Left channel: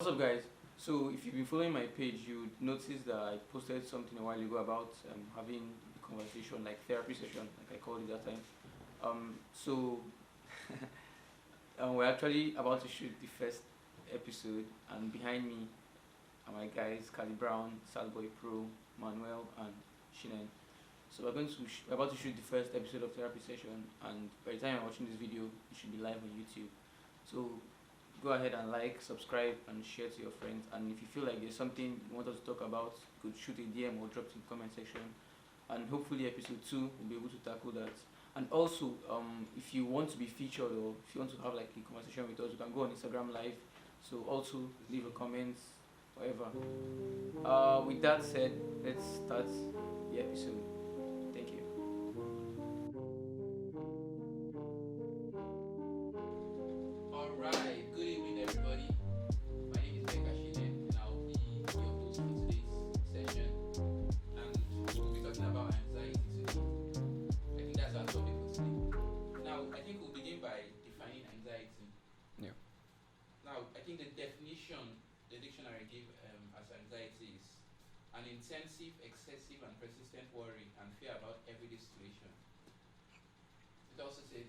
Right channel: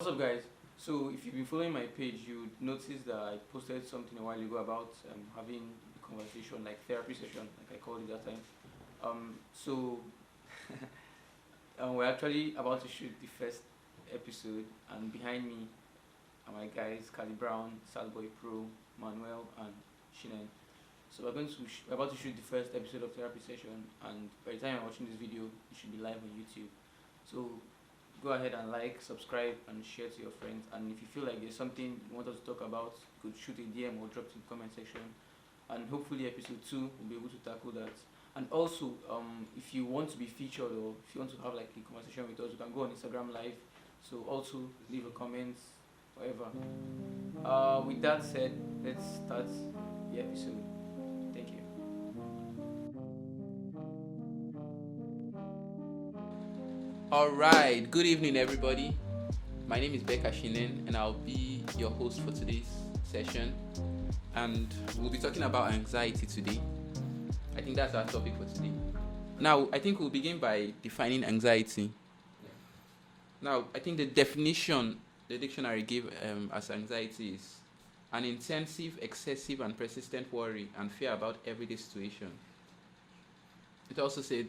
What's up, guys? So, if you've been following my page, you noticed that I posted something a while ago about having a conversation, like therapy session, like I called it that time. So we're actually about to shoot the first episode, and behind me are my guys, Cali Brown, Salboy Pro, Manuel, and Shinen. So we're about to shoot the first episode of therapy session, and by the time you're watching this video, it should be live on YouTube. So go ahead and like, subscribe, and share to your friends. And if you feel like there's something you want us to talk about, you could shoot a DM or drop it in the comment section. And hopefully, episode 2 will be able to tackle that. And also, if you want to be featured or if you want to have like a conversation with us, you can go on Instagram Live. So also leave a comment, whatever. With that said, let's start the episode. Thank you. All right. Good evening, everybody. My name is Becca Shinen, and I'll be your host for today's session. And we'll be talking about anxiety today. I think that's our topic for today. Now, I think we'll begin by defining anxiety. Yeah. Now, I think the definition the dictionary gave as anxiety is an intensive, excessive, and persistent worry and fear about everyday situation. It also said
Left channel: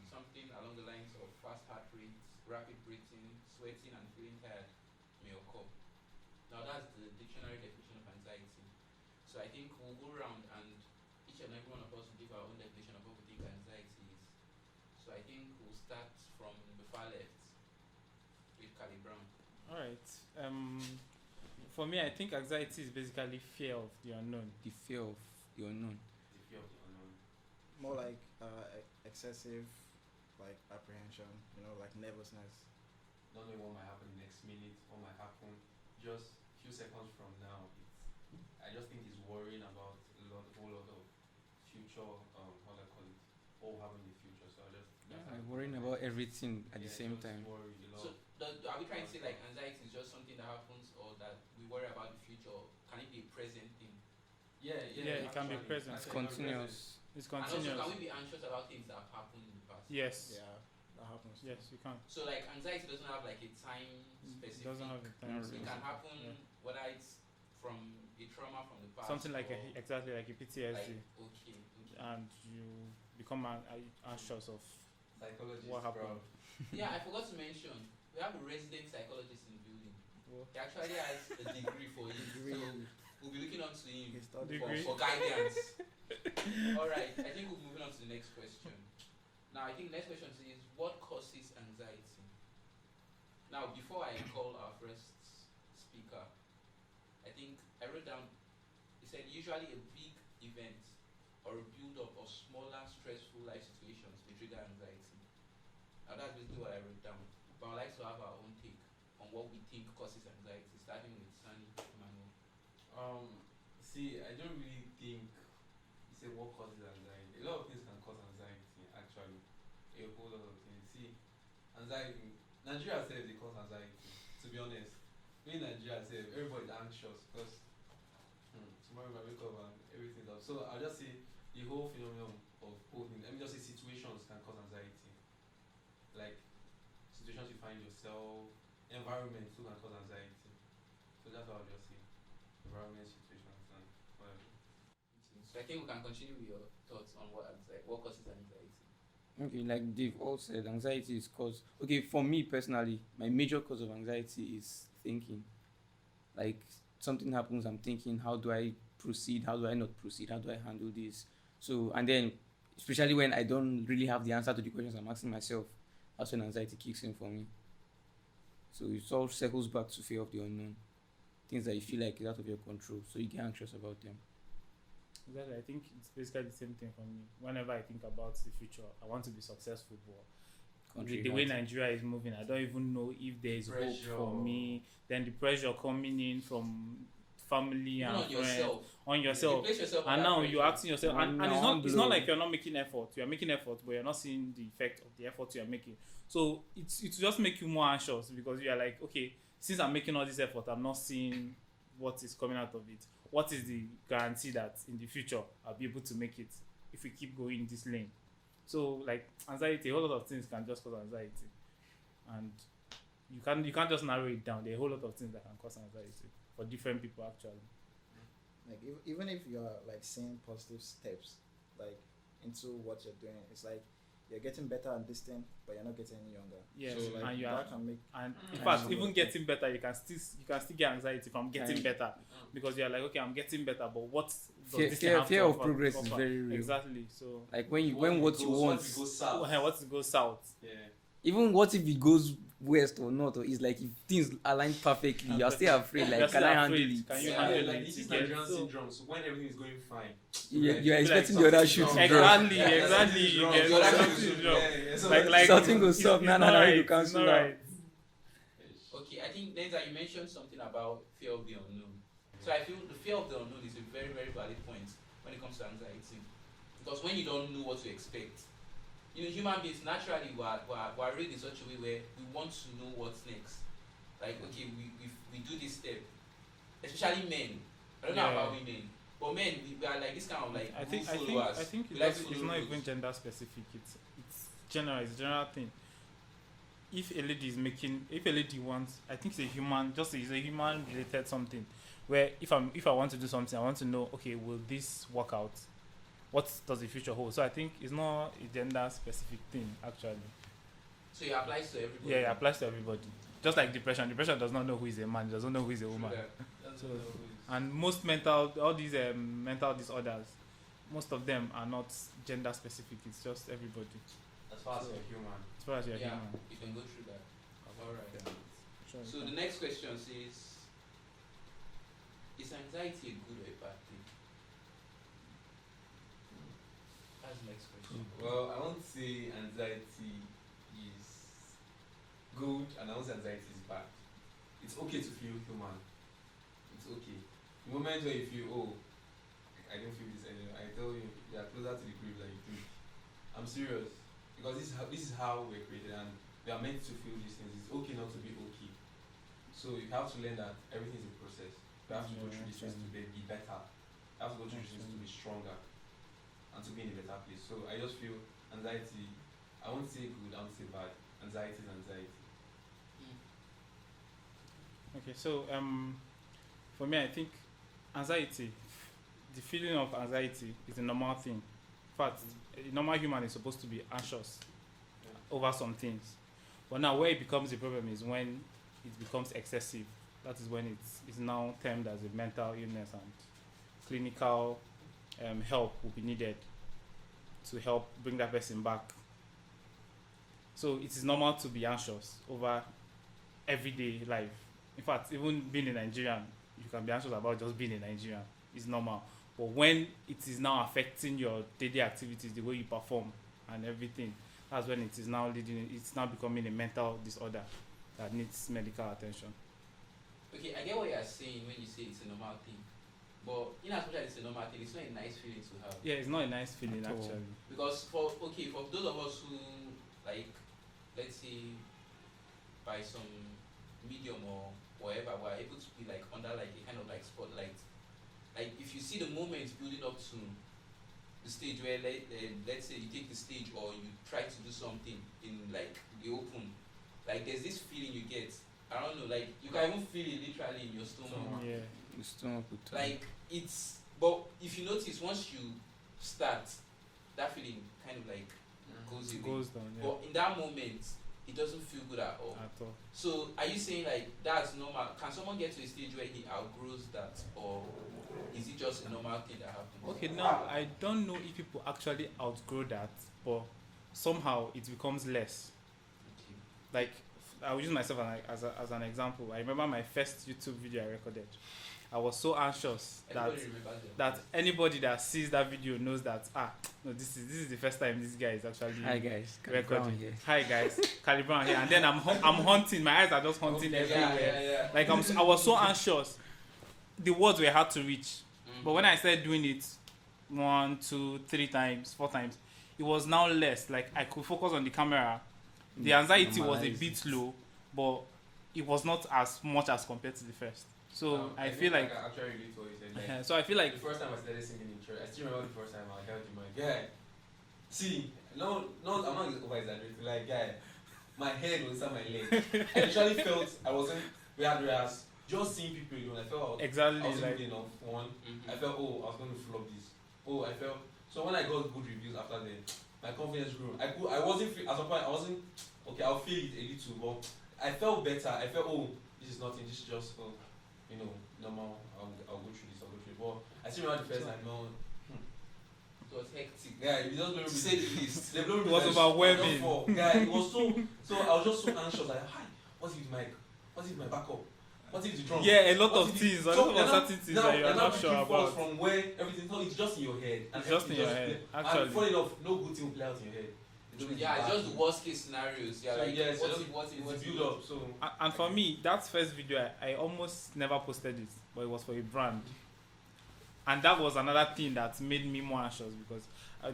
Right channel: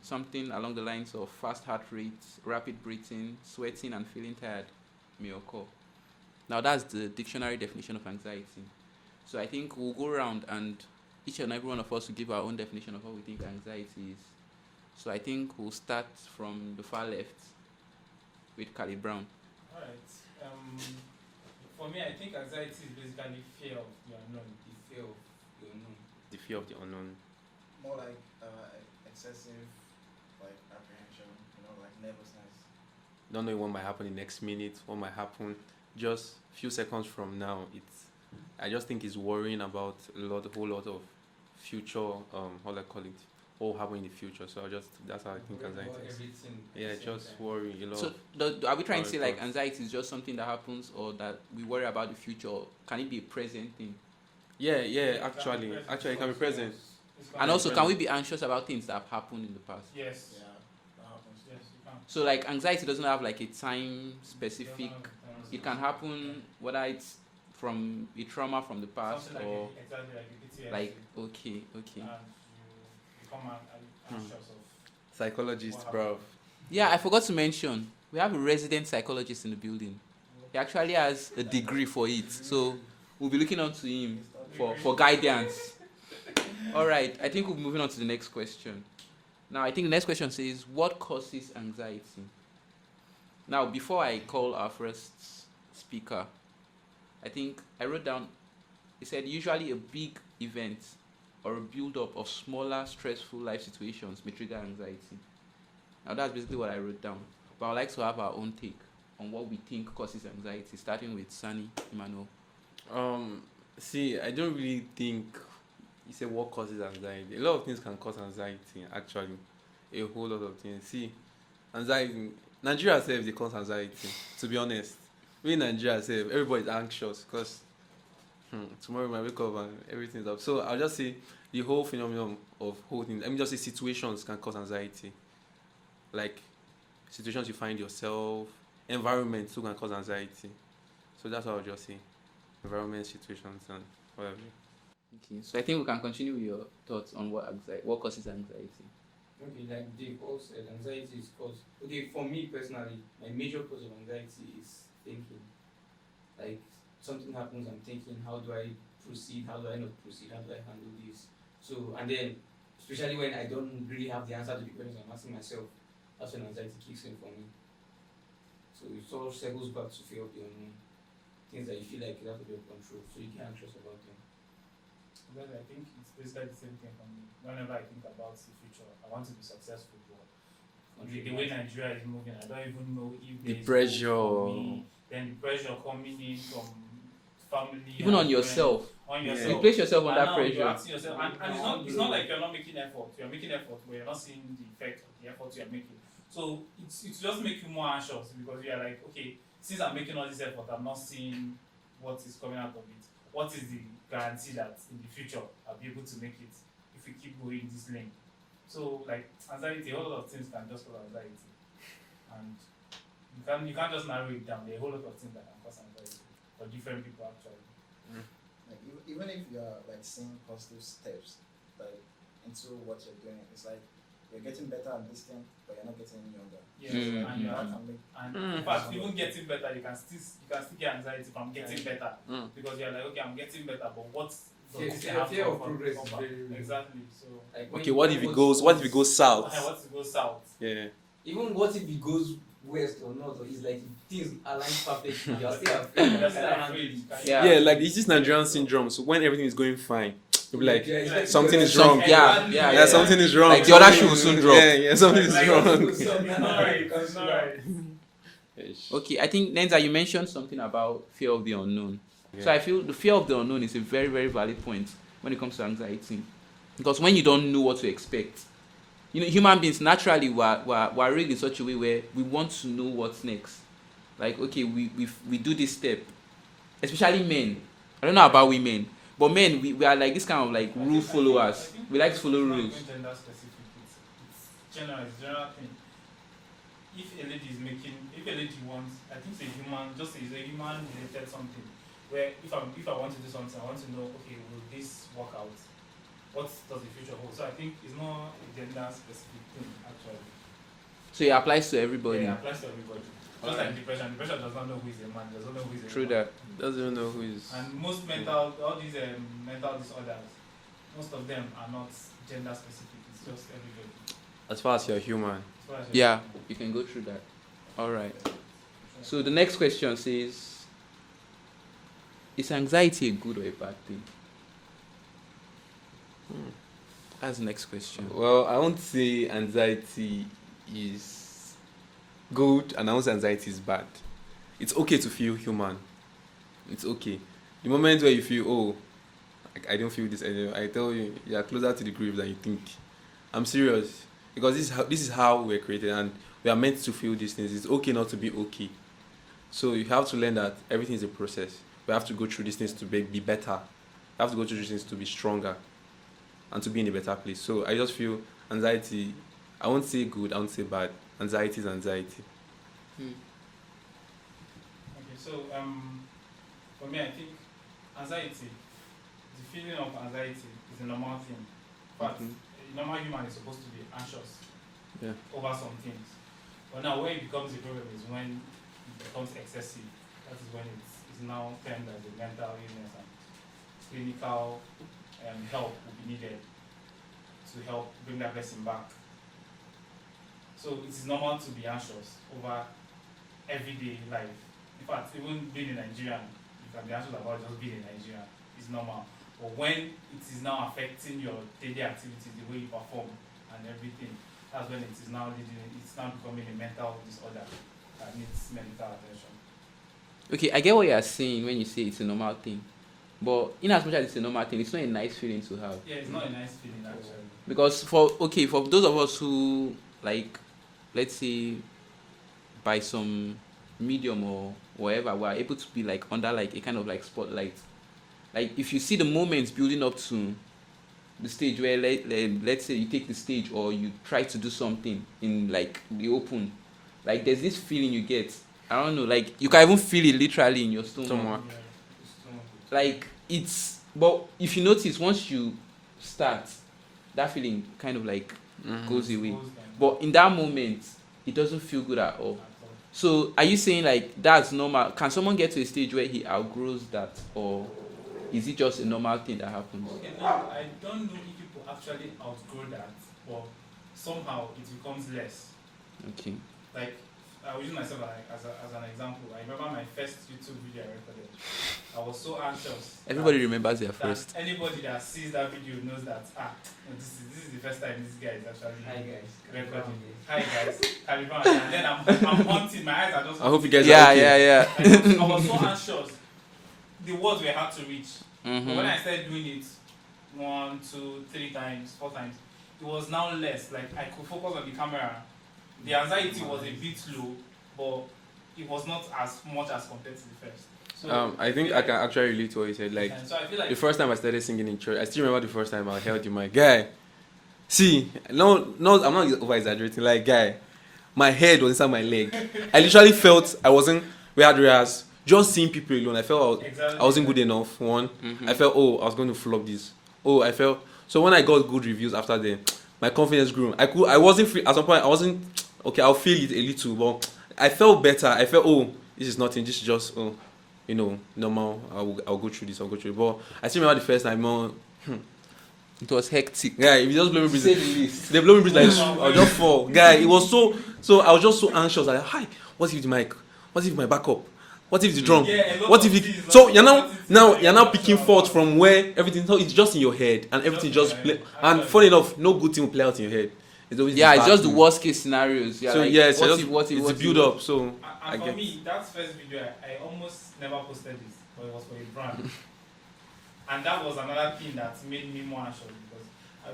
something along the lines of fast heart rates, rapid breathing, sweating, and feeling tired may occur. Now, that's the dictionary definition of anxiety. So I think we'll go around and each and every one of us will give our own definition of what we think anxiety is. So I think we'll start from the far left with Cali Brown. Alright. For me, I think anxiety is basically fear of the unknown. The fear of the unknown. The fear of the unknown. More like excessive, like apprehension, like nervousness. Don't know what might happen the next minute, what might happen just few seconds from now. I just think it's worrying about a whole lot of future, how do I call it, what will happen in the future. So that's how I think Worrying anxiety about is. everything. At Yeah, the same just time. worry a lot. So are we trying to say like thoughts. anxiety is just something that happens or that we worry about the future? Can it be a present thing? Yeah, It can be actually, present. it can be present. It's And also, can we continuous. be anxious about things that have happened in the past? Yes. Yeah, that happens. Yes, you can. So like anxiety doesn't have like a time specific. Doesn't have a It can happen whether it's from a trauma from the past something like or exactly like a PTSD. like okay. and you become anxious of Psychologist, what bro. happened. Yeah, I forgot to mention we have a resident psychologist in the building. He actually has a degree for it, so we'll be looking on to him for guidance. All right, I think we'll be moving on to the next question. Now, I think the next question says, what causes anxiety? Now, before I call our first speaker, I think I wrote down, it said usually a big event or a build-up of smaller stressful life situations may trigger anxiety. Now, that's basically what I wrote down. But I'd like to have our own take on what we think causes anxiety, starting with Sunny Emmanuel. See, I don't really think you say what causes anxiety. A lot of things can cause anxiety, actually. A whole lot of things. See, anxiety, Nigeria self, they cause anxiety, to be honest. We in Nigeria self, everybody's anxious because tomorrow we might wake up and everything's up. So I'll just say the whole phenomenon of holding, let me just say situations can cause anxiety. Like situations you find yourself, environment too can cause anxiety. So that's what I'll just say. Environment, situations, and whatever. Okay, so I think we can continue with your thoughts on what causes anxiety. Okay, like Dave all said, anxiety is caused. Okay, for me personally, my major cause of anxiety is thinking. Like something happens, I'm thinking, how do I proceed? How do I not proceed? How do I handle this? So, and then, especially when I don't really have the answer to the questions I'm asking myself, that's when anxiety kicks in for me. So it all circles back to fear of the unknown. Things that you feel like is out of your control, so you get anxious about them. Well, I think it's basically the same thing for me. Whenever I think about the future, I want to be successful, but the way Nigeria is moving, I don't even know if there is hope pressure. for me. Then the pressure coming in from family, Even and on friends, yourself. on Yeah. yourself. You place yourself And under now pressure. you're asking yourself, and it's not Mind like you're not making effort. You're making effort, but you're not seeing the effect of the effort you're making. So it just make you more anxious because you're like, okay, since I'm making all this effort, I'm not seeing what is coming out of it. What is the guarantee that in the future I'll be able to make it if we keep going this lane? So like anxiety, a whole lot of things can just cause anxiety, and you can't just narrow it down. There are a whole lot of things that can cause anxiety for different people actually. Like even if you're like seeing positive steps like into what you're doing, it's like you're getting better at this thing, but you're not getting any younger. Yes, Mm. and you That are, can make and Mm. in fact, even getting better, you can still get anxiety from getting better Mm. because you're like, okay, I'm getting better, but what does Fear, this fear, have fear to of offer- progress is offer? very real. Exactly. So Like when Okay, you what know if it what goes? you What want- if it goes south? what it goes south? Yeah. Even what if it goes west or not, or it's like if things align perfectly, you're still afraid. Like, You're can still I handle afraid. it? Can you Yeah. Yeah, handle like it? it's just Nigerian So- syndrome. So when everything is going fine, you'll be like, you're like, expecting something the is other wrong. shoe- Yeah, Yeah, yeah, something is wrong. Like the other shoe will soon drop. Yeah, something is Like, wrong. something will stop. It's Nah, not nah, right. you It's cancel not that. right. Okay, I think Nenza, you mentioned something about fear of the unknown. Yeah. So I feel the fear of the unknown is a very, very valid point when it comes to anxiety. Because when you don't know what to expect, you know, human beings naturally we're raised in such a way where we want to know what's next. Like, okay, we do this step, especially men. I don't know about women, but men, we are like this kind of like I rule think- followers. I think We like to follow it's not rules. even gender specific. It's general. It's a general thing. If a lady wants, I think it's a human related something. Where if I want to do something, I want to know, okay, will this work out? What does the future hold? So I think it's not a gender specific thing actually. So it applies to everybody. Yeah, it applies to everybody. Just like depression. Depression does not know who is a man. Doesn't know who is a True woman. that. Doesn't even know who is. And most all these mental disorders, most of them are not gender specific. It's just everybody. As far as you're human. As far as you're Yeah, human. you can go through that. All right. Sure. So the next question says, is anxiety a good or a bad thing? That's the next question. Well, I won't say anxiety is good, and I won't say anxiety is bad. It's okay to feel human. It's okay. The moment where you feel, oh, I don't feel this anymore, I tell you, you are closer to the grave than you think. I'm serious, because this is how we're created, and we are meant to feel these things. It's okay not to be okay. So you have to learn that everything is a process. We have to go through these things to be better. We have to go through these things to be stronger and to be in a better place. So I just feel anxiety, I won't say good, I won't say bad. Anxiety is anxiety. Okay, so for me, I think anxiety, the feeling of anxiety is a normal thing. In fact, a normal human is supposed to be anxious Yeah. over some things. But now, where it becomes a problem is when it becomes excessive. That is when it's now termed as a mental illness, and clinical help will be needed to help bring that person back. So it is normal to be anxious over everyday life. In fact, even being a Nigerian, you can be anxious about just being a Nigerian. It's normal. But when it is now affecting your daily activities, the way you perform and everything, that's when it's now becoming a mental disorder that needs medical attention. Okay, I get what you are saying when you say it's a normal thing. But in as much as it's a normal thing, it's not a nice feeling to have. Yeah, it's not a nice feeling actually. Because for those of us who, like, let's say by some medium or whatever, we are able to be like under like a kind of like spotlight. Like if you see the moments building up to the stage where let's say you take the stage or you try to do something in like the open, like there's this feeling you get. I don't know, like you can even feel it literally in your stomach. Yeah. It's too much. Like it's, but if you notice, once you start, that feeling kind of like goes away. Goes down. But in that moment, it doesn't feel good at all. At all. So are you saying like that's normal? Can someone get to a stage where he outgrows that, or is it just a normal thing that happens? Okay, now I don't know if people actually outgrow that, but somehow it becomes less. Okay. Like, I will use myself as an example. I remember my first YouTube video I recorded. I was so anxious. Everybody remembers their that first. anybody that sees that video knows that no, this is the first time this guy is actually Hi guys. recording. Hi guys, Calibran, and then I'm hunting. My eyes are just. I hope you hunting. guys Yeah, are okay. yeah. Like, I was so anxious. The words were hard to reach. Mhm. But when I started doing it 1, 2, 3 times, 4 times, it was now less. Like I could focus on the camera. The anxiety was a bit low, but it was not as much as compared to the first. So I think feel I like- can actually relate to what you said. Like so I feel like the first time I started singing in church, I still remember the first time I held you, my guy. See, no, I'm not over exaggerating. Like, guy, my head was inside my leg. I literally felt I wasn't whereas just seeing people alone. I felt I wasn't good enough. One, I felt I was going to flop this. I felt so when I got good reviews after them, my confidence grew. I wasn't free at some point. I wasn't okay. I'll feel it a little, but I felt better. I felt this is nothing. This is just normal. I'll go through this. I'll go through it. But I still remember the first time. It was hectic. Yeah, if you just blow me breeze. They blow me breeze like I'll just fall. Guy, it was so I was just so anxious. Like, hi, what if the mic? What if my backup? What if the drum? What if it? So you're now picking fault from where everything. So it's just in your head and everything just play. And funny enough, no good thing will play out in your head. It's always it's just the worst case scenarios. So like, what if it's a build up. So and for me, that first video I almost never posted it, but it was for a brand. And that was another thing that made me more anxious because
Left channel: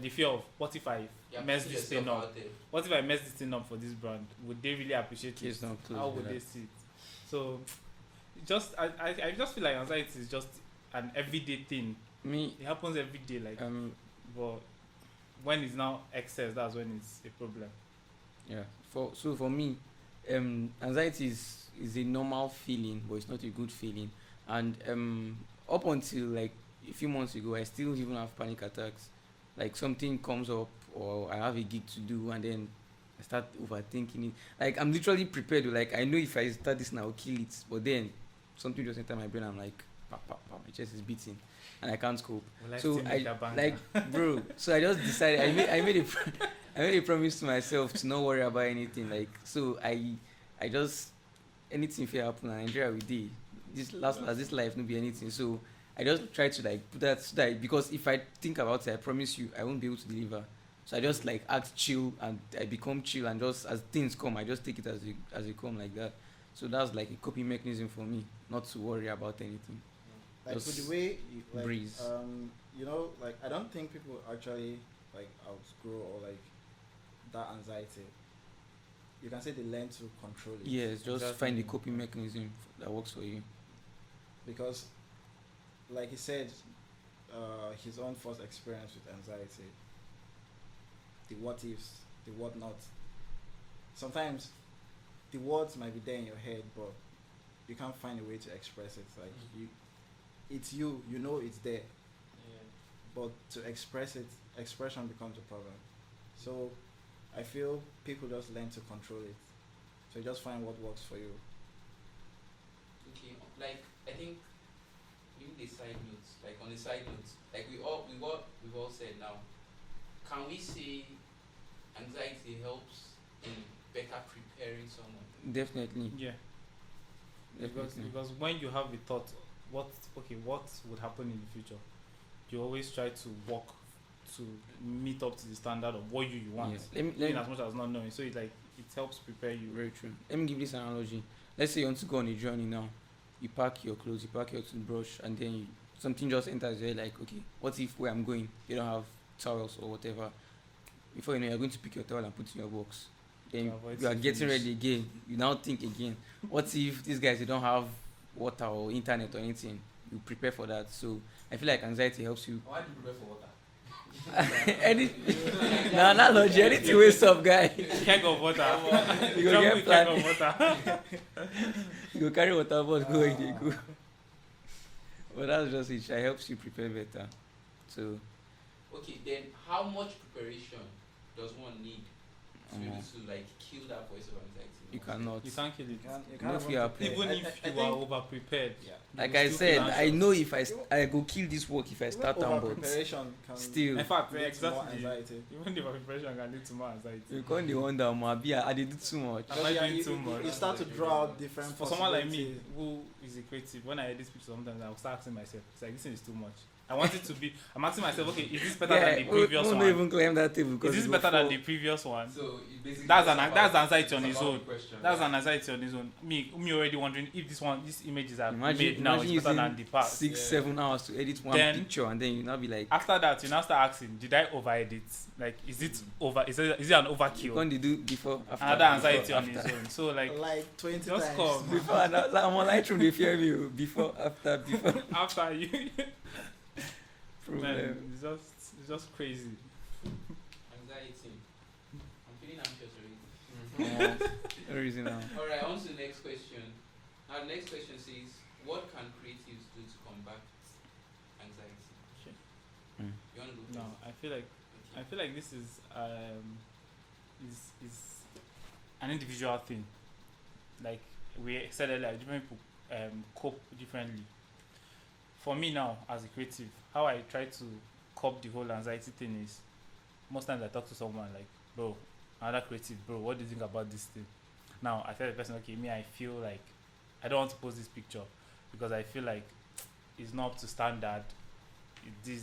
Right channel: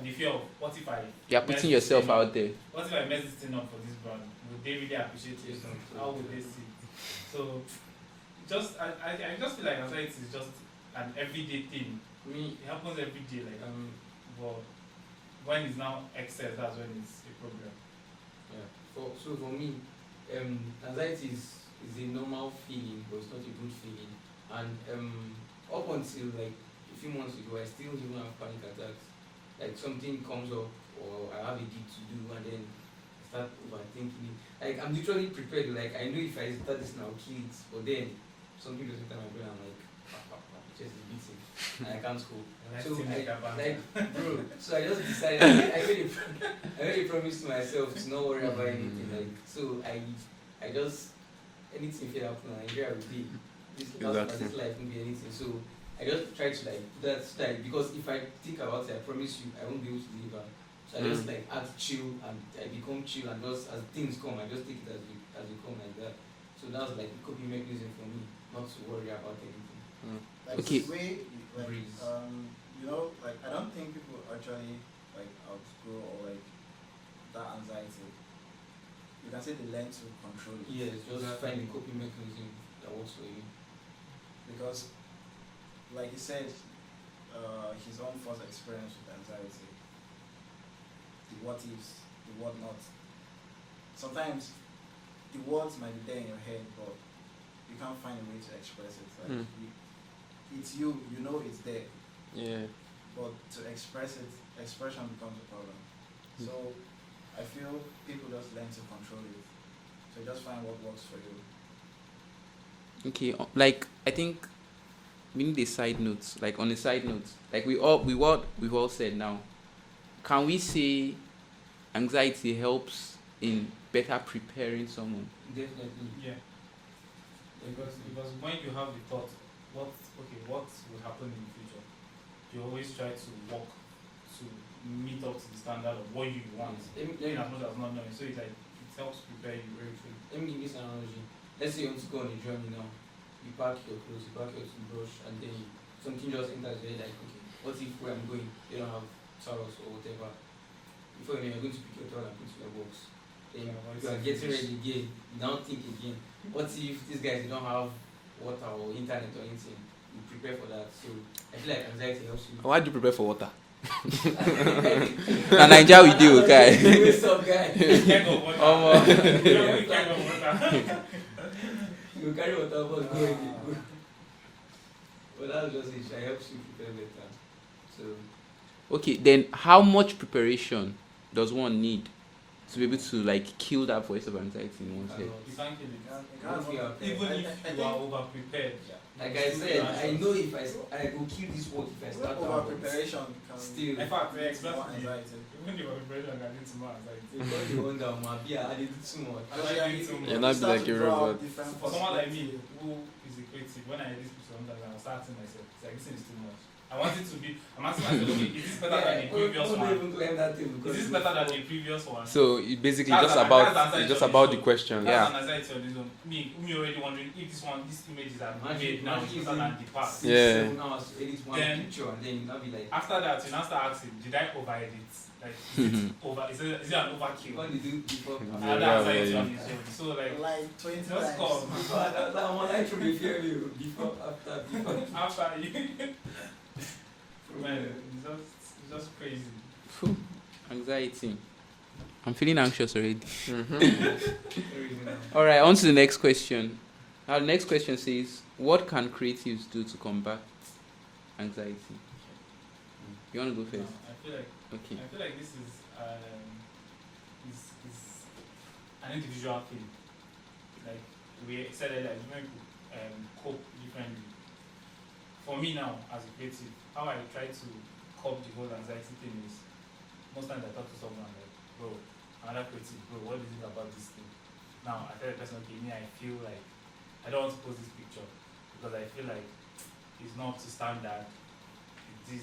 the fear of what if I putting yourself out there. What if I mess this thing up for this brand? Would they really appreciate it? How would they see it? So I just feel like anxiety is just an everyday thing. It happens every day, like but when it's now excess, that's when it's a problem. Yeah. For me, anxiety is a normal feeling, but it's not a good feeling. And up until like a few months ago, I still even have panic attacks. Like something comes up or I have a gig to do and then I start overthinking it. Like I'm literally prepared. Like I know if I start this now, I'll kill it. But then something just enter my brain. I'm like, pop, my chest is beating and I can't cope. So bro. So I just decided. I made a promise to myself to not worry about anything. Like so I just anything fair happen in Nigeria will do. This life won't be anything. So I just try to like put that because if I think about it, I promise you I won't be able to deliver. So I just like act chill and I become chill and just as things come, I just take it as they come like that. So that's like a coping mechanism for me, not to worry about anything. Like Okay. the way like, Breeze. like I don't think people actually like outgrow or like that anxiety. You can say they learn to control it. Yes, just find the coping mechanism that works for you. Because like he said, his own first experience with anxiety, the what ifs, the what not. Sometimes the words might be there in your head, but you can't find a way to express it. Like it's you know it's there. Yeah. But to express it, expression becomes a problem. So I feel people just learn to control it. So you just find what works for you. Okay, like I think we need a side note. Like on a side note, like we've all said now. Can we say anxiety helps in better preparing someone? Definitely. Yeah. Because when you have a thought, what would happen in the future, you always try to work to meet up to the standard of what you want. Yes. Let me as much as not knowing. So it helps prepare you. Very true. Let me give this analogy. Let's say you want to go on a journey now. You pack your clothes, you pack your toothbrush, and then something just enters your head like, okay, what if where I'm going, you don't have towels or whatever? Before you know, you're going to pick your towel and put it in your box. Then you are getting ready again. You now think again, what if these guys they don't have water or internet or anything? You prepare for that. So I feel like anxiety helps you. Why do you prepare for water? Na Naija we do, okay. What's up, guy? Keg of water. Keg of water. You go carry water but go in the go. But that's just it. It helps you prepare better. So okay, then how much preparation does one need to be able to like kill that voice of anxiety in one's head? You can't kill it. Even Even if you are over prepared. Yeah. Like I said, I know if I go kill this work if I start over out. preparation can Still. In fact, create more exactly. anxiety. Even the over preparation can lead to more anxiety. When you wonder, I did too much. You're not start like to a draw robot. different For someone like me possibilities. who is a creative, when I hear this picture sometimes I'll start asking myself, it's like this is too much. I want it to be I'm asking myself, okay, is this better than the previous Don't one? even claim that thing because Is this better than the previous one? So it basically That's just an- about that's anxiety just on about its the own. question. That's Yeah. an anxiety on its own. Me already wondering if these images are Imagine- made now is imagine better than using the past. 6-7 hours to edit one Then- picture and then you now be like, After that, you now start asking, did I over edit? Like, is it over? Is it an overkill? when they do before after. Another Yeah, anxiety yeah, on yeah. its own. So like, Like 20 just times. call. Before I'm on light room, they fear you. Before, after, before. After you, Problem. man, it's just crazy. Anxiety. I'm feeling anxious already. Mm-hmm. All right, on to the next question. Our next question says, "What can creatives do to combat anxiety?" You want to go No, first? Okay. I feel like this is an individual thing. Like we said earlier, different people cope differently. For me now, as a creative, how I try to cope the whole anxiety thing is most times I talk to someone like, bro, another creative, bro, what do you think about this thing? Now I tell the person, okay, me I feel like I don't want to post this picture because I feel like it's not up to standard. This.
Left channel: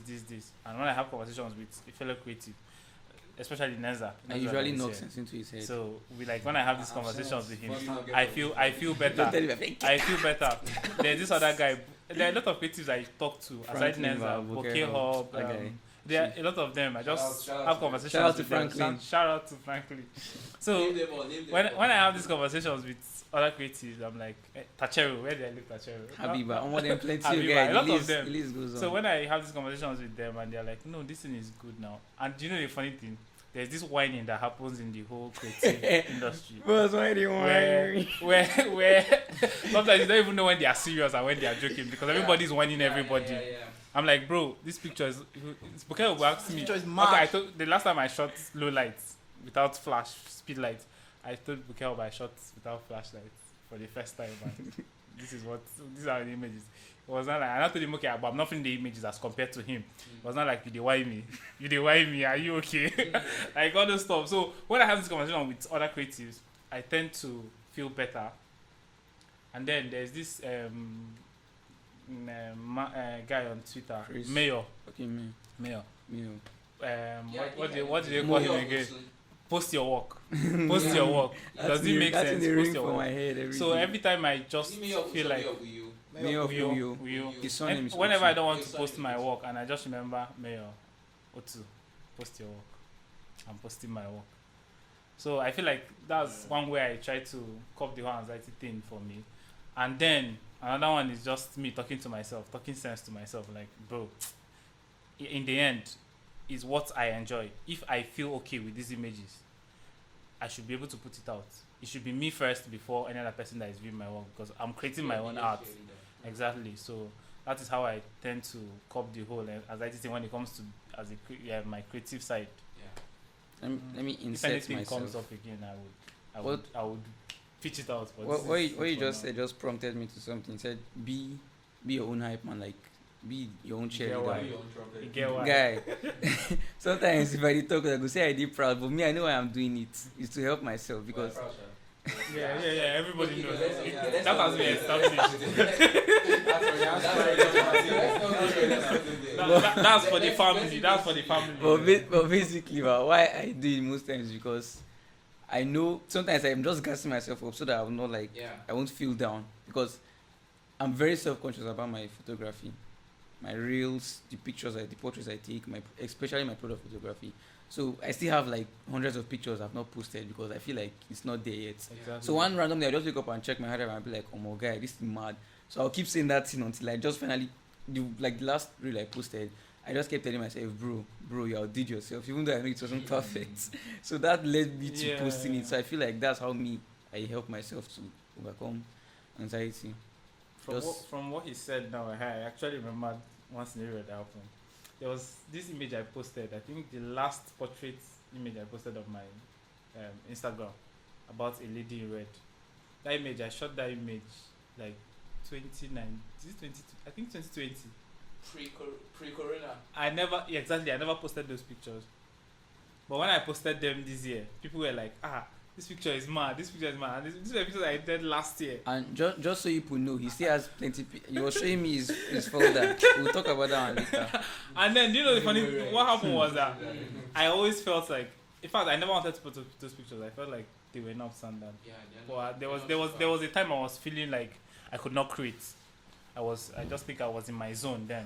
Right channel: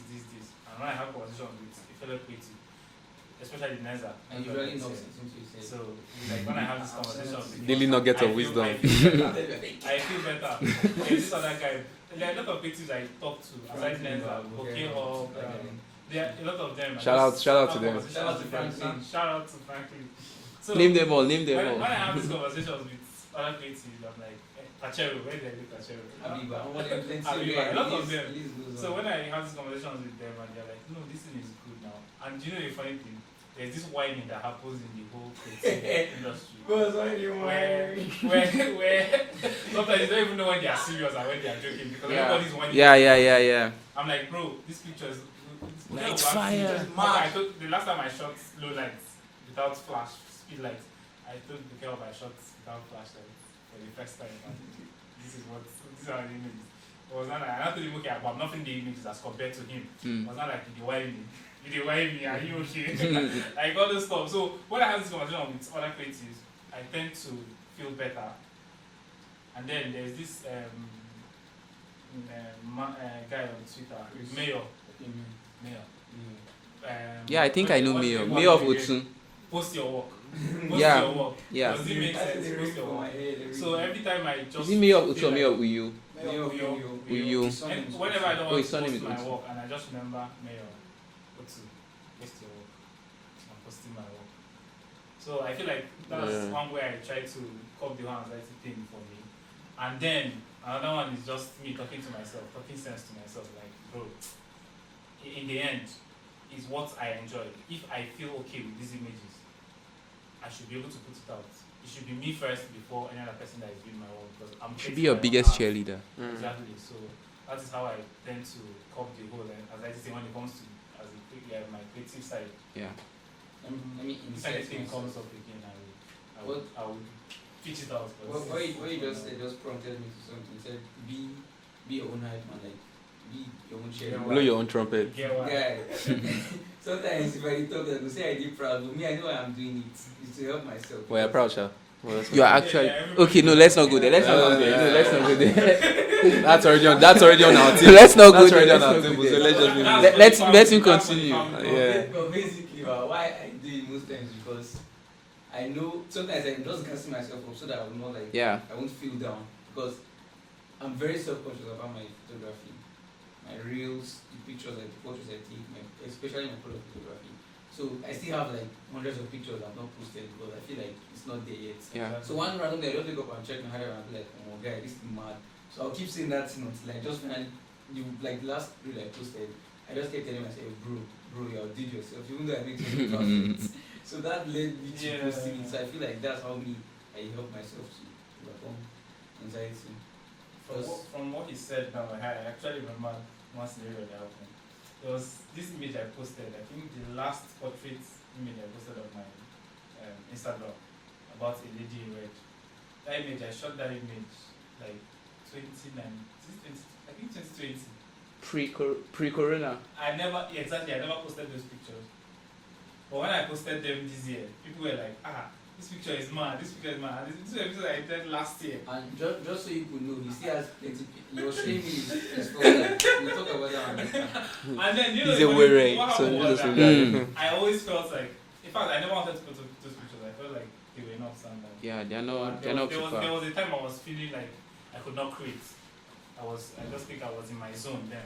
And when I have conversations with a fellow creative, especially Neza, I usually knock sense into his head. so like when I have these conversations with him, Daily nuggets I of feel, wisdom. I feel better. I feel better. There's this other guy. There are a lot of creatives I talk to, aside Franklin, Neza, okay, Bokeh Hub. okay. There are a lot of them. I Shout just out have to them. conversations Shout out to with them. Franklin. Shout out to Franklin. So Name them all. Name them all. when I have these conversations with other creatives, I'm like, Tachero, where did I do Tachero? Habiba, I want them plenty Habiba, guys. a lot of List them. goes on. So when I have these conversations with them and they're like, no, this thing is good now. And you know the funny thing? There's this whining that happens in the whole creative industry. Boss, why do you Where sometimes you don't even know when they are serious and when they are joking because everybody's whining. Yeah. I'm like, bro, this picture is it's okay. It's fire. Okay, I told the last time I shot low lights without flash, speed lights, I told Bukel I shot without flashlights for the first time. Man. These are the images. It was not like, I told him, okay, but I'm not feeling the images as compared to him. It was not like, you dey whine me. You dey whine me, are you okay? Like all those stuff. So when I have this conversation with other creatives, I tend to feel better. And then there's this guy on Twitter, Chris. Mayor. Okay, Mayor. Yeah, I think I know what's Mayor. the- Mayor of what's the- Otsun. Post your work. Post Yeah. your work. Yeah. Does it make sense? Post your for work. my head every So day. every time I just Is it Mayor of feel Otsun or like- Mayor of Uyu? Mayor of Uyu. Uyu. His surname And is whenever Otsun. I don't want his to surname post is my Otsun. work and I just remember Mayor Otu, post your work. I'm posting my work. So I feel like that's Yeah. one way I try to cope the whole anxiety thing for me. And then another one is just me talking to myself, talking sense to myself. Like, bro, in the end, is what I enjoy. If I feel okay with these images, I should be able to put it out. It should be me first before any other person that is viewing my work because I'm Should creating be your my own biggest art. cheerleader. Exactly. So that is how I tend to cope the whole anxiety thing when it comes to my creative side. Yeah. Let me If insert anything myself. comes up again, I would pitch it out. But What this is you for just now. said just prompted me to something. It said be your own hype man, like be your own Yeah, cheerleader. Blow your own trumpet. You get what? Guy, sometimes if I dey talk, I go say I did proud, but me I know why I'm doing it. It's to help myself. Well, you're because- proud, Sha. Well, that's You are okay. actually everybody okay. No, knows. let's not go there. Let's not go Yeah. there. No, let's not go there. That's already on our team. Let's not go That's there. already on Let's our not table. go So there. let's just That's leave for it. the Let's family, let him that's for the continue. family. Yeah. But basically, why I do it most times is because I know sometimes I'm just gassing myself up so that I'm not like Yeah. I won't feel down because I'm very self-conscious about my photography, my reels, the pictures, the portraits I take, especially my product photography. So I still have like hundreds of pictures I've not posted because I feel like it's not there yet. Yeah. Exactly. So one random day I just wake up and check my head and I'll be like, oh my guy, this is mad. So I'll keep saying that thing until I just finally, the last reel I posted, I just kept telling myself, bro, you outdid yourself, even though I know it wasn't perfect. So that led me to posting it. So I feel like that's how I help myself to overcome anxiety. From what he said now, I actually remembered one scenario that happened. There was this image I posted. I think the last portrait image I posted on my Instagram about a lady in red. That image, I shot that image like 2019. I think 2020. Pre-corona. I never posted those pictures. But when I posted them this year, people were like, this picture is mad. This picture is mad. This is a picture I did last year. And just so you could know, he still has plenty. He was showing me his folder. We'll talk about that one later. And then you know He's the a funny weird, thing, what happened so was just that regard. I always felt like, in fact, I never wanted to put up those pictures. I felt like they were not standard. Yeah, they're There not. They're was, not there, was, super. there was a time I was feeling like I could not create. I just think I was in my zone then.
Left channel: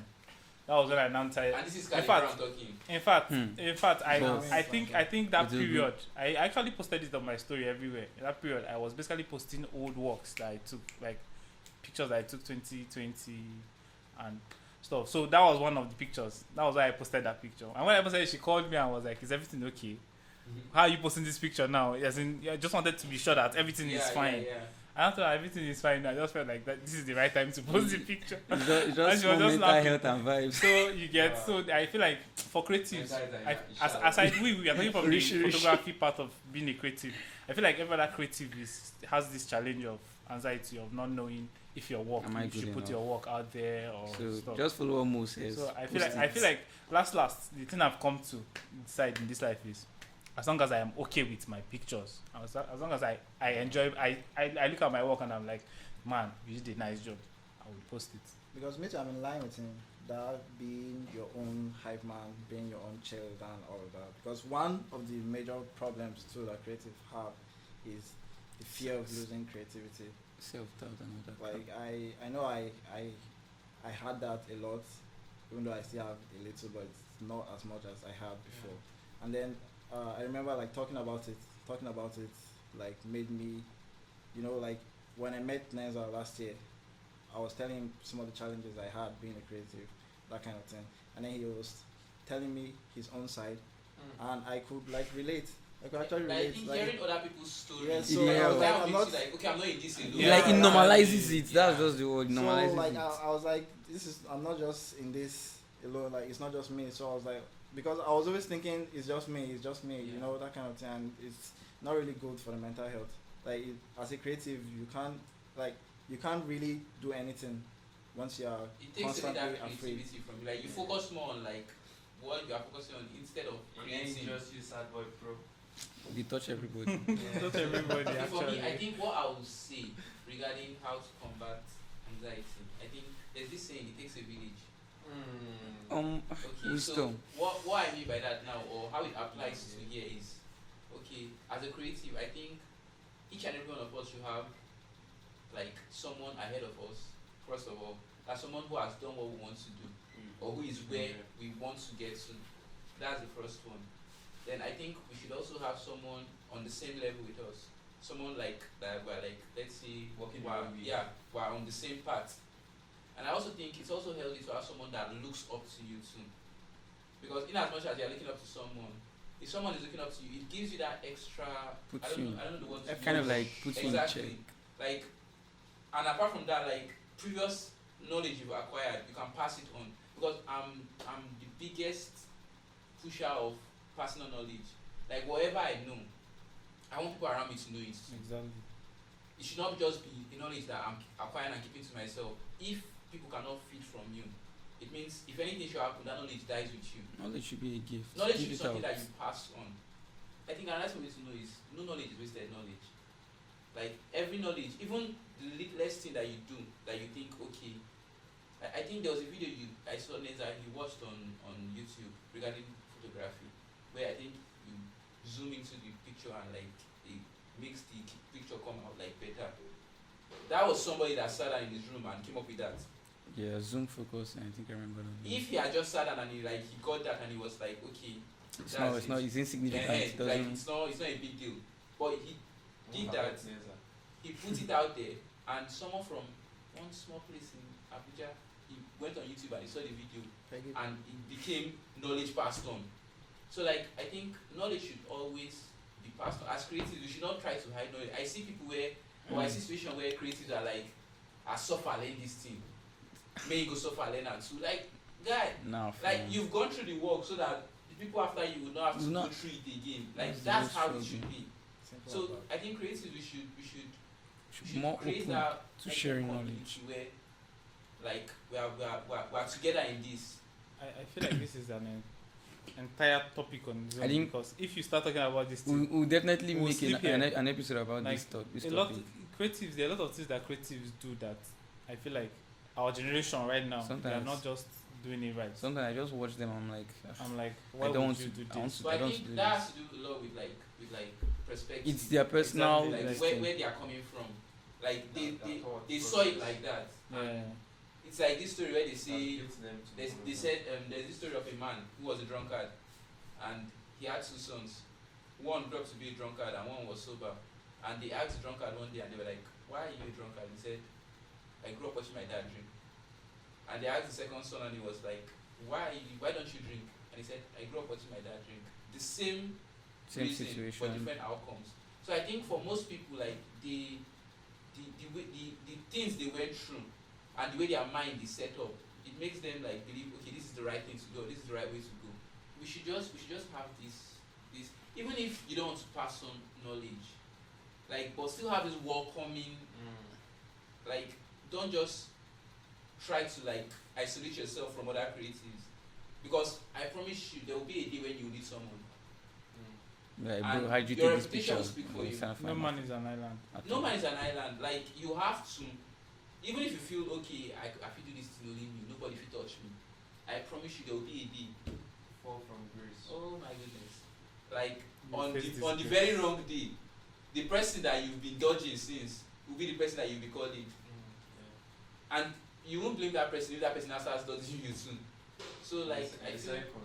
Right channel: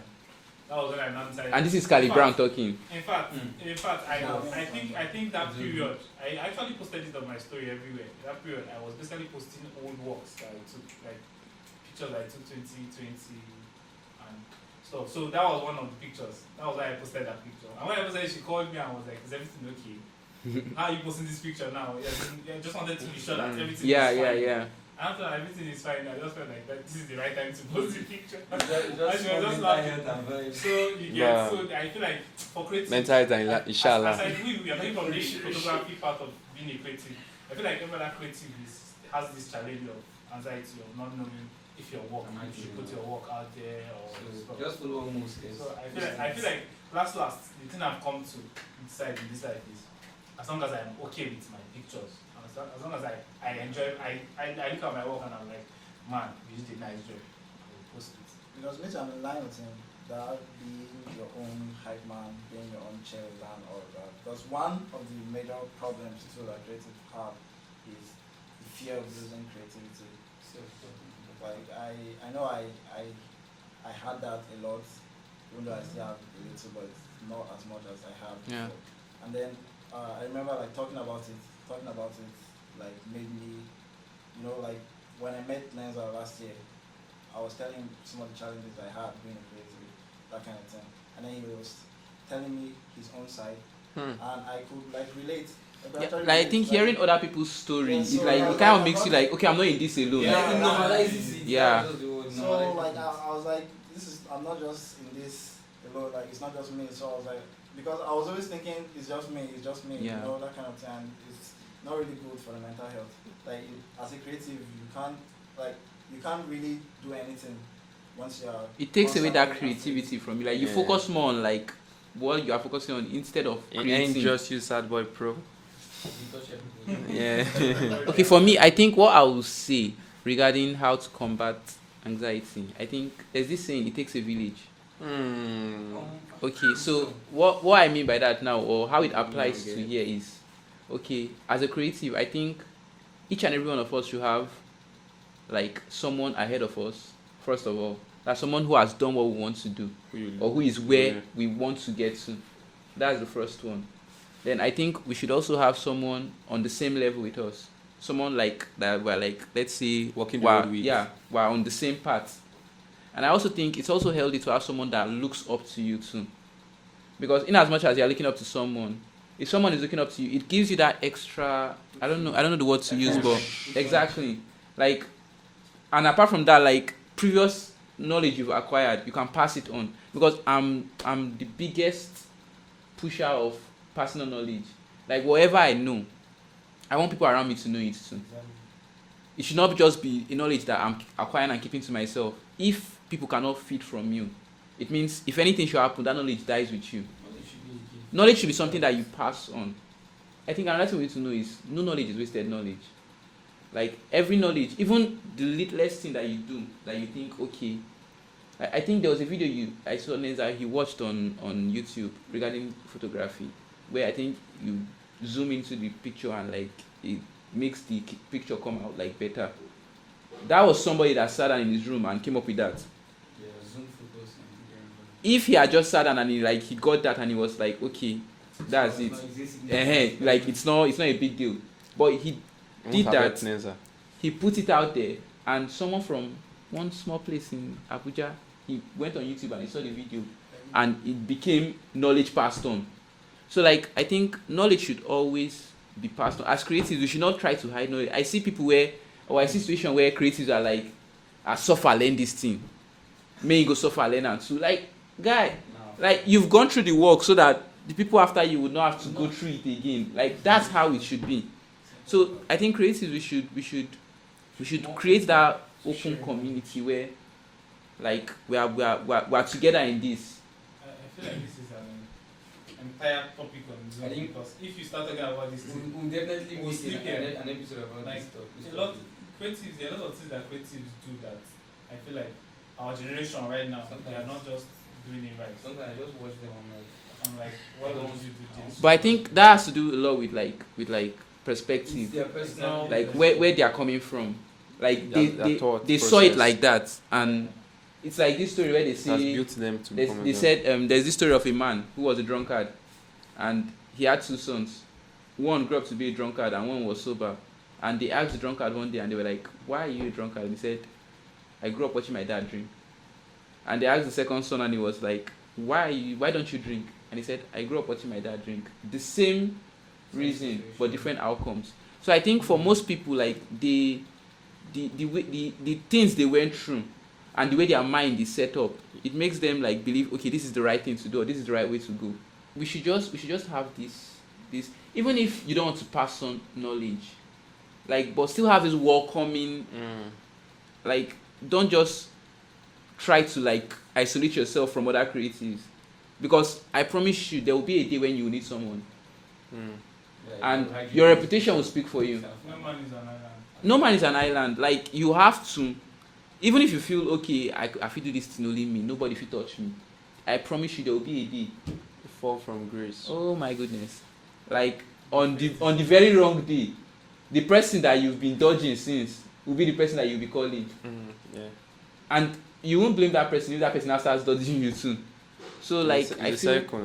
That was when I now started. And this is Cali In fact- Brown talking. In fact, So- I think that It's a period, I actually posted it on my story everywhere. In that period, I was basically posting old works that I took, like pictures that I took 2020 and stuff. So that was one of the pictures. That was why I posted that picture. And when I posted it, she called me and was like, "Is everything okay?" how are you posting this picture now? Yes, I just wanted to be sure that everything Yeah, is fine. yeah. After everything is fine, I just felt like that this is the right time to post the picture. It's just And she was mental just laughing. health and vibes. So you get Yeah. so I feel like for creative, Mental health and inshallah. as we are coming from the photography part of being a creative, I feel like every other creative has this challenge of anxiety of not knowing if your work, Am I you should good put your work out there or So stuff. just follow what Mo says. So I feel like last the thing I've come to decide in this life is as long as I am okay with my pictures, as long as I enjoy, I look at my work and I'm like, man, you did a nice job, I will post it. Because me too, I'm in line with him. That being your own hype man, being your own cheerleader and all of that. Because one of the major problems too that creative have is the fear of losing creativity. Self-doubt and all that. Like I know I had that a lot, even though I still have a little, but not as much as I have Yeah. before. And then I remember like talking about it like made me, like when I met Lenza last year, I was telling him some of the challenges I had being a creative, that kind of thing. And then he was telling me his own side, and I could like relate. Yeah, like I think hearing other people's stories, Yeah, so like yeah, it kind of like, makes you like, okay, I'm not in this alone. Yeah. Like it normalizes it. Yeah. That's just the word. So Normalizes like it. I was like, I'm not just in this alone. Like it's not just me. So I was like, because I was always thinking it's just me, Yeah. that kind of thing. And it's not really good for the mental health. Like as a creative, you can't really do anything once you're. It takes away that constantly creativity from you. Like you Yeah. focus more on like what you are focusing on instead of And creating. just use Sad Boy Pro. You touch everybody. Yeah. Okay, for me, I think what I will say regarding how to combat anxiety, I think there's this saying, it takes a village. Okay, so what I mean by that now, or how it applies to here is, okay, as a creative, I think each and every one of us should have like someone ahead of us, first of all. That's someone who has done what we want to do, or who is where we want to get to. That's the first one. Then I think we should also have someone on the same level with us. Someone like that we're like, let's say, Walking the road with. yeah, we're on the same path. And I also think it's also healthy to have someone that looks up to you too. Because in as much as you're looking up to someone, if someone is looking up to you, it gives you that extra, I don't know the word to use, but exactly. Like, and apart from that, like previous knowledge you've acquired, you can pass it on. Because I'm the biggest pusher of personal knowledge. Like whatever I know, I want people around me to know it too. It should not just be a knowledge that I'm acquiring and keeping to myself. If people cannot feed from you, it means if anything should happen, that knowledge dies with you. Knowledge should be a gift. Knowledge should be something that you pass on. I think another thing we need to know is no knowledge is wasted knowledge. Like every knowledge, even the littlest thing that you do, that you think, okay. I think there was a video I saw that he watched on YouTube regarding photography, where I think you zoom into the picture and like it makes the picture come out like better. That was somebody that sat down in his room and came up with that. Yeah, zoom focus. I think I remember. If he had just sat down and he got that and he was like, okay, that's it. It's insignificant. Like it's not a big deal. But he did that. He put it out there, and someone from one small place in Abuja, he went on YouTube and he saw the video, and it became knowledge passed on. So like I think knowledge should always be passed on. As creatives, we should not try to hide knowledge. I see people I see situations where creatives are like, suffer learn this thing. May you go suffer learn and too. Like, guy, like you've gone through the work so that the people after you would not have to go through it again. Like that's how it should be. So I think creatives we should create that open community where like we are together in this. I feel like this is an entire topic on its own. I think because if you start talking about this thing, we'll definitely We'll make skip an episode about like, this topic. there are a lot of things that creatives do that I feel like our generation right now, they are Sometimes. not just doing it right. Sometimes I just watch them. I'm like, why I don't would you do this? But I think that has to do a lot with perspective. It's their personal. Like where they are coming from. Like they saw it like that, and it's like this story where they say they said there's this story of a man who was a drunkard, and he had two sons. One grew up to be a drunkard and one was sober. And they asked the drunkard one day and they were like, "Why are you a drunkard?" And he said, "I grew up watching my dad drink." And they asked the second son and he was like, why don't you drink? And he said, "I grew up watching my dad drink." The same reason situation. for different outcomes. So I think for most people, like the things they went through and the way their mind is set up, it makes them like believe, okay, this is the right thing to do, or this is the right way to go. We should just have this even if you don't want to pass on knowledge, like, but still have this welcoming, like, don't just try to like isolate yourself from other creatives, because I promise you there will be a day when you will need someone, and your reputation will speak for you. No man is an island. No man is an island. Like, you have to, even if you feel okay, I feel do this thing only me, nobody fit touch me, I promise you there will be a day. Fall from grace. Oh my goodness. Like, on the very wrong day, the person that you've been dodging since will be the person that you'll be calling. Yeah. And you won't blame that person if that person now starts dodging you too. So like, I feel cycle.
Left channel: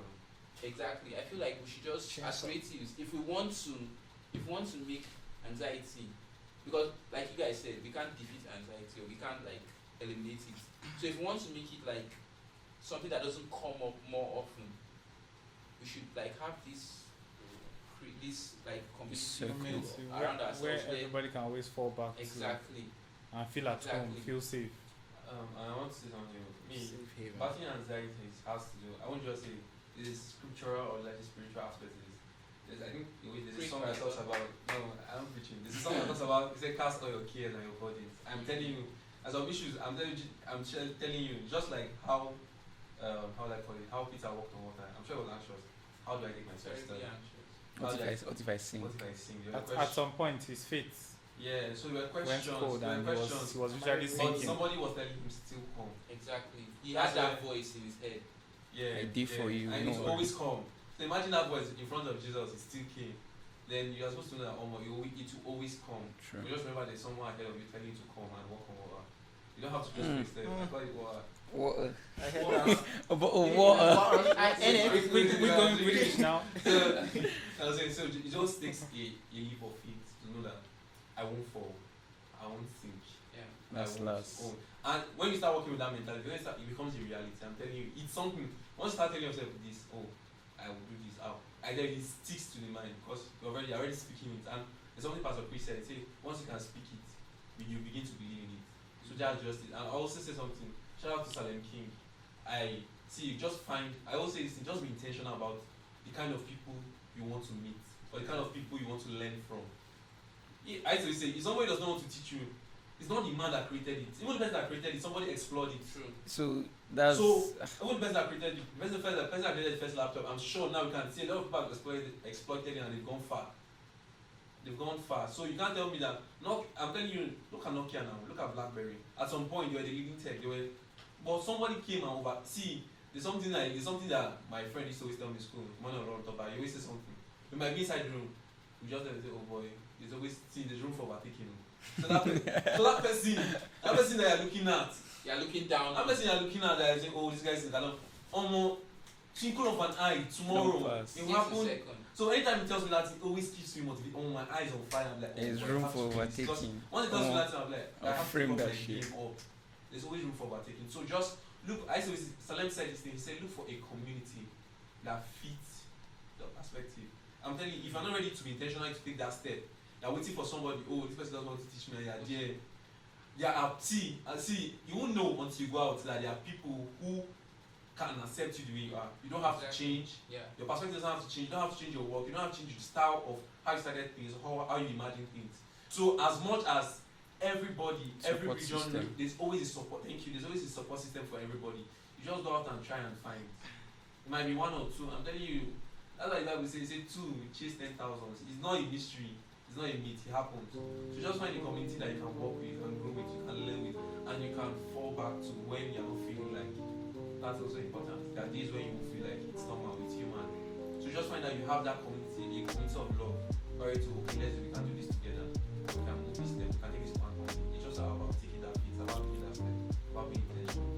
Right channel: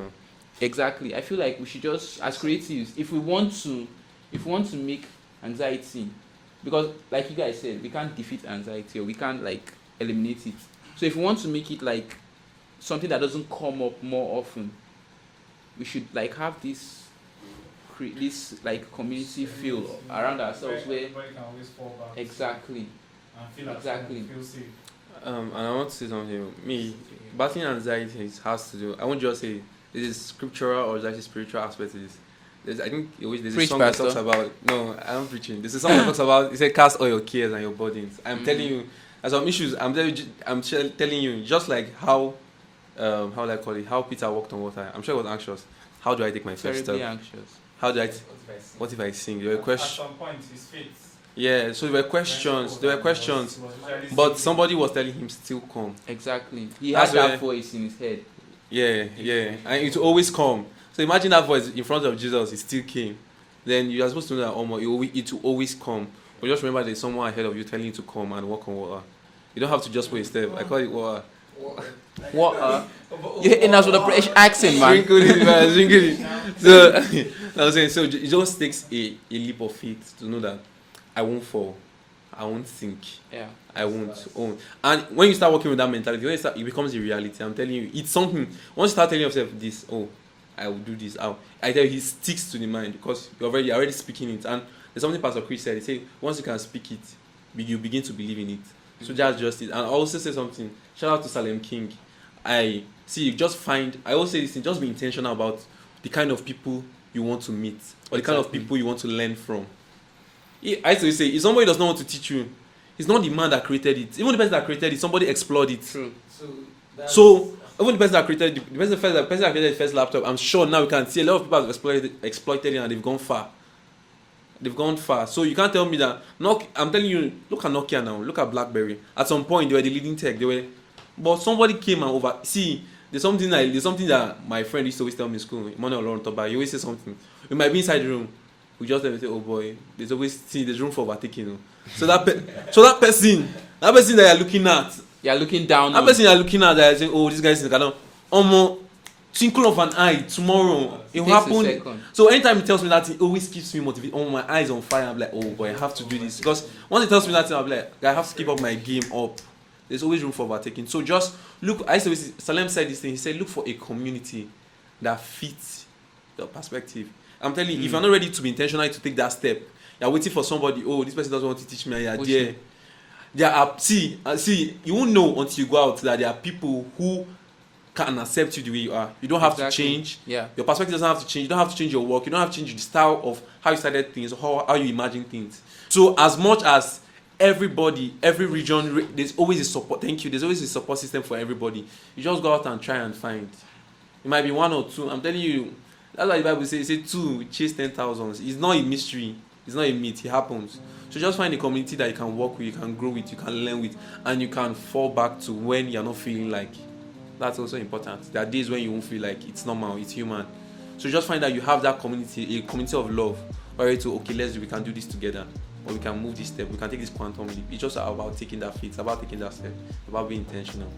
exactly. I feel like we should just, as creatives, if we want to make anxiety, because like you guys said, we can't defeat anxiety, or we can't like eliminate it. So if we want to make it like something that doesn't come up more often, we should like have this like community feel around ourselves where everybody can always fall back. exactly. And feel at Exactly. home, feel safe. And I want to say something. Me, battling anxiety has to do. I won't just say this is scriptural or just a spiritual aspect. I think there's a Preach, song Pastor. that talks about. No, I'm preaching. There's a song that talks about. It said, "Cast all your cares and your burdens." I'm telling you, as some issues. I'm telling you, just like how do I call it? How Peter walked on water. I'm sure he was anxious. How do I take my first Terribly step? anxious. How do I? What if I sing? What if I sing? There were At questions. some point, his faith. Yeah, so there were questions. There were questions. Was usually But sinking. somebody was telling him still come. Exactly. He That's had that where- voice in his head. Yeah, Before yeah, you and it come. will always come. So imagine that voice in front of Jesus, it still came. Then you are supposed to know that it will always come. But just remember there's someone ahead of you telling you to come and walk on water. You don't have to just wait a step. I call it water. What? You're hitting us with a British accent, man. Sprinkle it, man, sprinkle it. Now, So, I was saying, so it just takes a leap of faith to know that I won't fall, I won't sink, Yeah. I won't own. And when you start working with that mentality, it becomes a reality. I'm telling you, it's something. Once you start telling yourself this, I will do this. I tell you, it sticks to the mind because you're already speaking it. And there's something Pastor Chris said. He said, once you can speak it, you begin to believe in it. So that's just it. And I also say something. Shout out to Salem King. I always say this thing, just be intentional about the kind of people you want to meet or the kind of people you want to learn from. I used to say, if somebody does not want to teach you, it's not the man that created it. Even the person that created it, somebody explored it. True. So even the person that created the person that created the first laptop, I'm sure now we can see a lot of people have exploited it and they've gone far. They've gone far. So you can't tell me that. I'm telling you, look at Nokia now. Look at BlackBerry. At some point, they were the leading tech. But somebody came and over. See, there's something that my friend used to always tell me in school. Emmanuel Lauren Toba. He always say something. We might be inside the room. We just say, oh boy, there's room for overtaking. You know? So that person that you're looking at. You're looking down. That person you're looking at, that say, oh, this guy's in the canal. Twinkle of an eye, tomorrow it will happen. So anytime he tells me that, it always keeps me motivated. My eyes on fire. I'm like, oh boy, I have to do this. Because once he tells me that, I'm like, I have to keep up my game up. There's always room for overtaking. So just look. Salem said this thing. He said, look for a community that fits your perspective. I'm telling you, if you're not ready to be intentional to take that step, you're waiting for somebody. Oh, this person doesn't want to teach me. And you're there. There are see. You won't know until you go out that there are people who can accept you the way you are. You don't have to change. Yeah. Your perspective doesn't have to change. You don't have to change your work. You don't have to change the style of how you started things, or how you imagine things. So as much as everybody, every region, there's always a support. Thank you. There's always a support system for everybody. You just go out and try and find. It might be one or two. I'm telling you. That's why the Bible says, two chase 10,000. It's not a mystery. It's not a myth. It happens. So just find a community that you can work with, you can grow with, you can learn with, and you can fall back to when you're not feeling like. That's also important. There are days when you won't feel like it's normal, it's human. So just find that you have that community, a community of love, where to we can do this together, and we can move this step, we can take this quantum leap. It's just about taking that feat, it's about taking that step, it's about being intentional.